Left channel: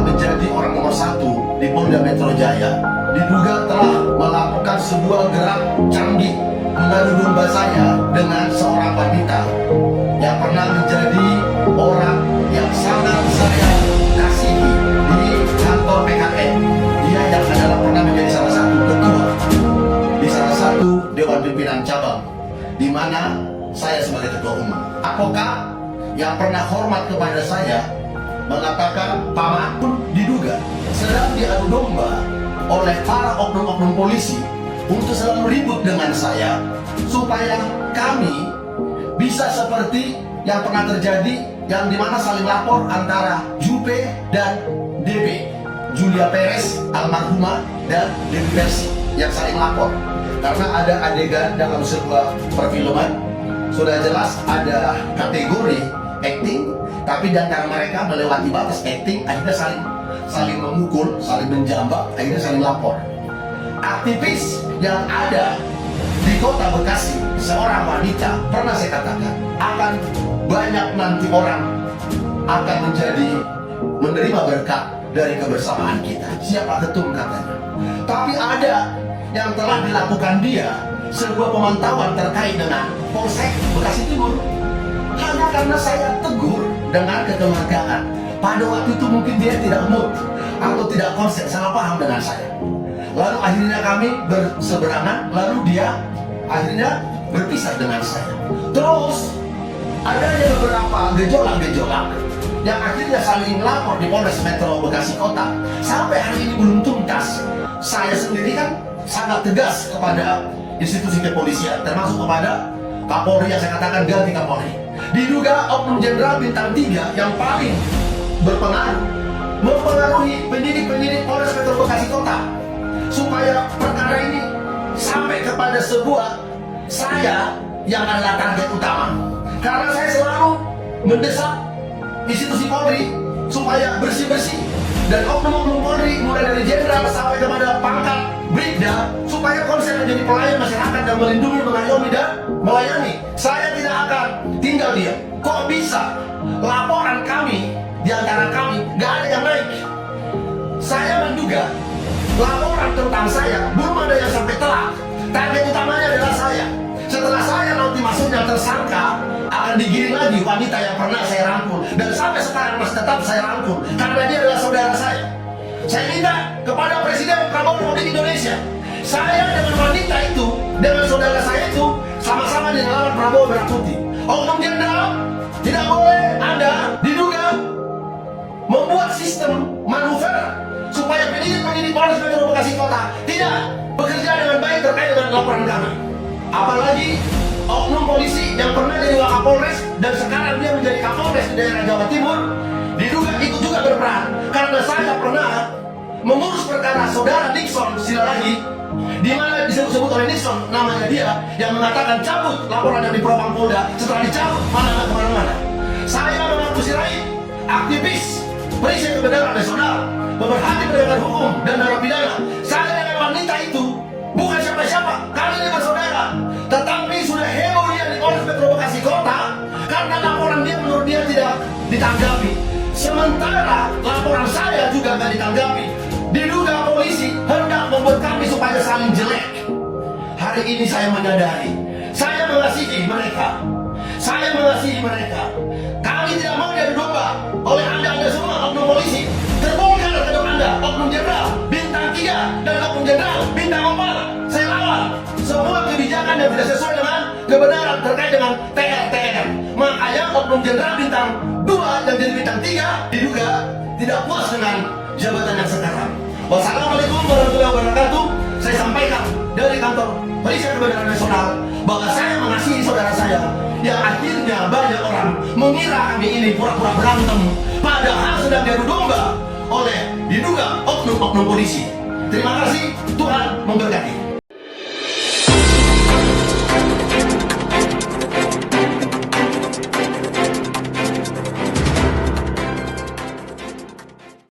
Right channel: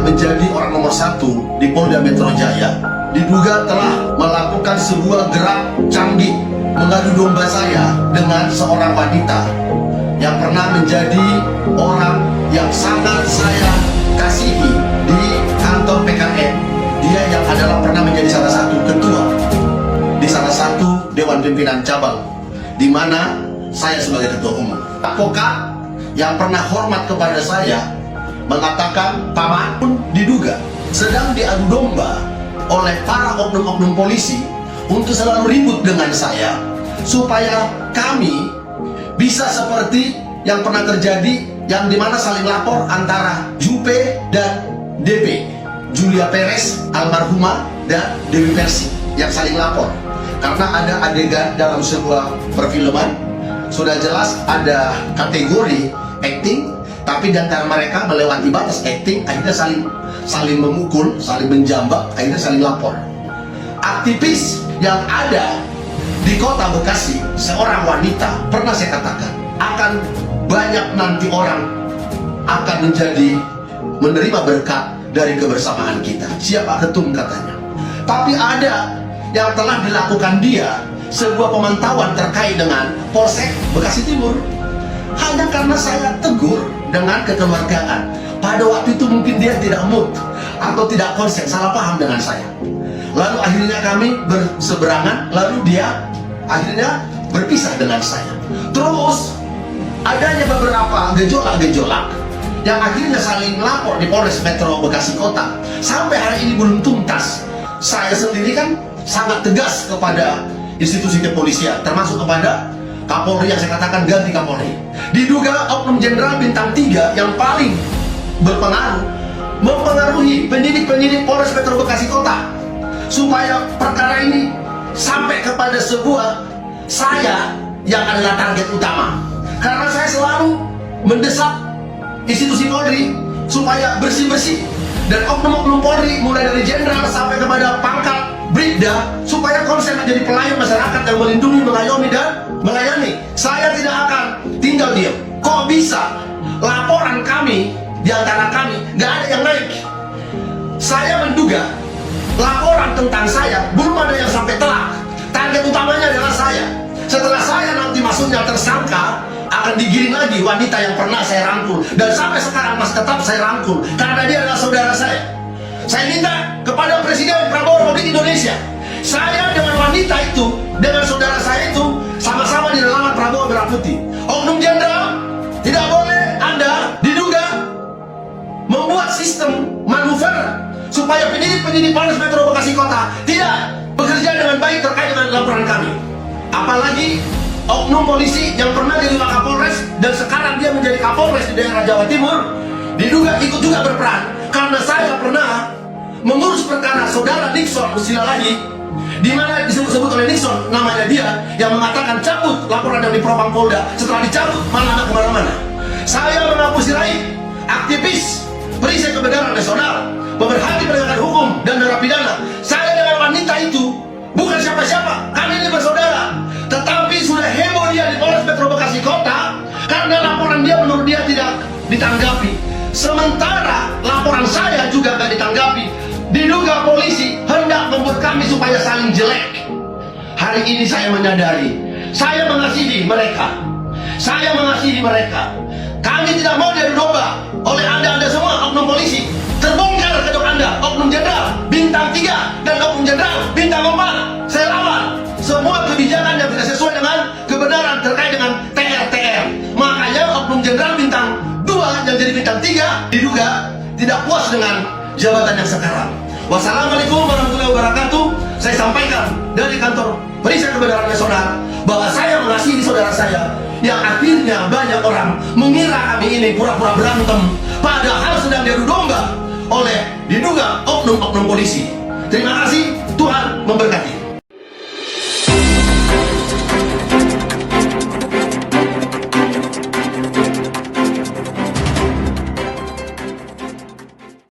pernah menjadi orang nomor 1 di Polda Metro Jaya, diduga telah melakukan sebuah gerak canggih mengadu domba saya dengan seorang wanita yang pernah menjadi orang yang sangat saya kasihi di kantor PKN. Dia yang adalah pernah menjadi salah satu ketua di salah satu Dewan Pimpinan Cabang, di mana saya sebagai ketua umum. Advokat yang pernah hormat kepada saya mengatakan Paman pun diduga sedang diadu domba oleh para oknum-oknum polisi untuk selalu ribut dengan saya, supaya kami bisa seperti yang pernah terjadi, yang dimana saling lapor antara Jupe dan DP, Julia Perez almarhumah dan Dewi Persi, yang saling lapor. Karena ada adegan dalam sebuah perfilman, sudah jelas ada kategori acting, tapi di antara mereka melewati batas acting, akhirnya saling memukul, saling menjambak, akhirnya saling lapor. Aktivis yang ada di kota Bekasi, seorang wanita, pernah saya katakan akan banyak nanti orang akan menerima berkat dari kebersamaan kita. Siapa ketum katanya. Tapi ada yang telah dilakukan dia sebuah pemantauan terkait dengan Polsek Bekasi Timur. Hanya karena saya tegur dengan kekeluargaan. Pada waktu itu mungkin dia tidak mood atau tidak konsen, salah paham dengan saya. Lalu akhirnya kami berseberangan, lalu dia akhirnya berpisah dengan saya. Terus adanya beberapa gejolak-gejolak yang akhirnya saling lapor di Polres Metro Bekasi Kota. Sampai hari ini belum tuntas. Saya sendiri kan sangat tegas kepada institusi kepolisian, termasuk kepada Kapolri yang saya katakan ganti Kapolri. Diduga oknum jenderal bintang 3 yang paling berpengaruh mempengaruhi penyidik-penyidik Polres Metro Bekasi Kota supaya perkara ini sampai kepada sebuah saya yang adalah target utama. Karena saya selalu mendesak institusi Polri supaya bersih-bersih, dan oknum-oknum Polri mulai dari jenderal sampai kepada pangkat Brigda supaya konsen menjadi pelayan masyarakat yang melindungi, mengayomi, dan melayani. Saya tidak akan tinggal diam. Kok bisa laporan kami, di antara kami nggak ada yang naik? Saya menduga laporan tentang saya belum ada yang sampai telak. Target utamanya adalah saya. Setelah saya nanti masuknya tersangka, akan digiring lagi wanita yang pernah saya rangkul, dan sampai sekarang masih tetap saya rangkul karena dia adalah saudara saya. Saya minta kepada Presiden Prabowo Republik Indonesia, saya dengan wanita itu, dengan saudara saya itu, sama-sama di relawan Prabowo Merah Putih. Oknum jenderal tidak boleh Anda diduga membuat sistem manuver supaya penyidik-penyidik Polres Metro Bekasi Kota tidak bekerja dengan baik terkait dengan laporan kami. Apalagi oknum polisi yang pernah jadi Wakapolres dan sekarang dia menjadi Kapolres di daerah Jawa Timur, diduga ikut juga berperan. Karena saya pernah mengurus perkara saudara Nixon Silalahi, di mana disebut-sebut oleh Nixon namanya dia, yang mengatakan cabut laporan yang di Propam Polda. Setelah dicabut malah nggak kemana-mana. Saya mengapusi raih aktivis perisai kebenaran nasional, pemerhati penegakan hukum dan narapidana. Saya dengan wanita itu bukan siapa-siapa, kami ini bersaudara. Tetapi sudah heboh dia di Polres Metro Bekasi Kota karena laporan dia menurut dia tidak ditanggapi. Sementara laporan saya juga nggak ditanggapi. Diduga polisi hendak membuat kami supaya saling jelek. Hari ini saya menyadari, saya mengasihi mereka. Saya mengasihi mereka. Kami tidak mau diadu domba oleh anda semua oknum polisi. Terbongkar kedok Anda, oknum jenderal bintang 3 dan oknum jenderal bintang 4. Saya lawan semua kebijakan yang tidak sesuai dengan kebenaran terkait dengan TR. Makanya oknum jenderal bintang 2 yang jadi bintang 3 diduga tidak puas dengan jabatan yang sekarang. Wassalamualaikum warahmatullahi wabarakatuh. Saya sampaikan dari kantor Perisai Kebenaran Nasional bahwa saya mengasihi saudara saya, yang akhirnya banyak orang mengira kami ini pura-pura berantem, padahal sedang diadu domba oleh diduga oknum-oknum polisi. Terima kasih, Tuhan memberkati.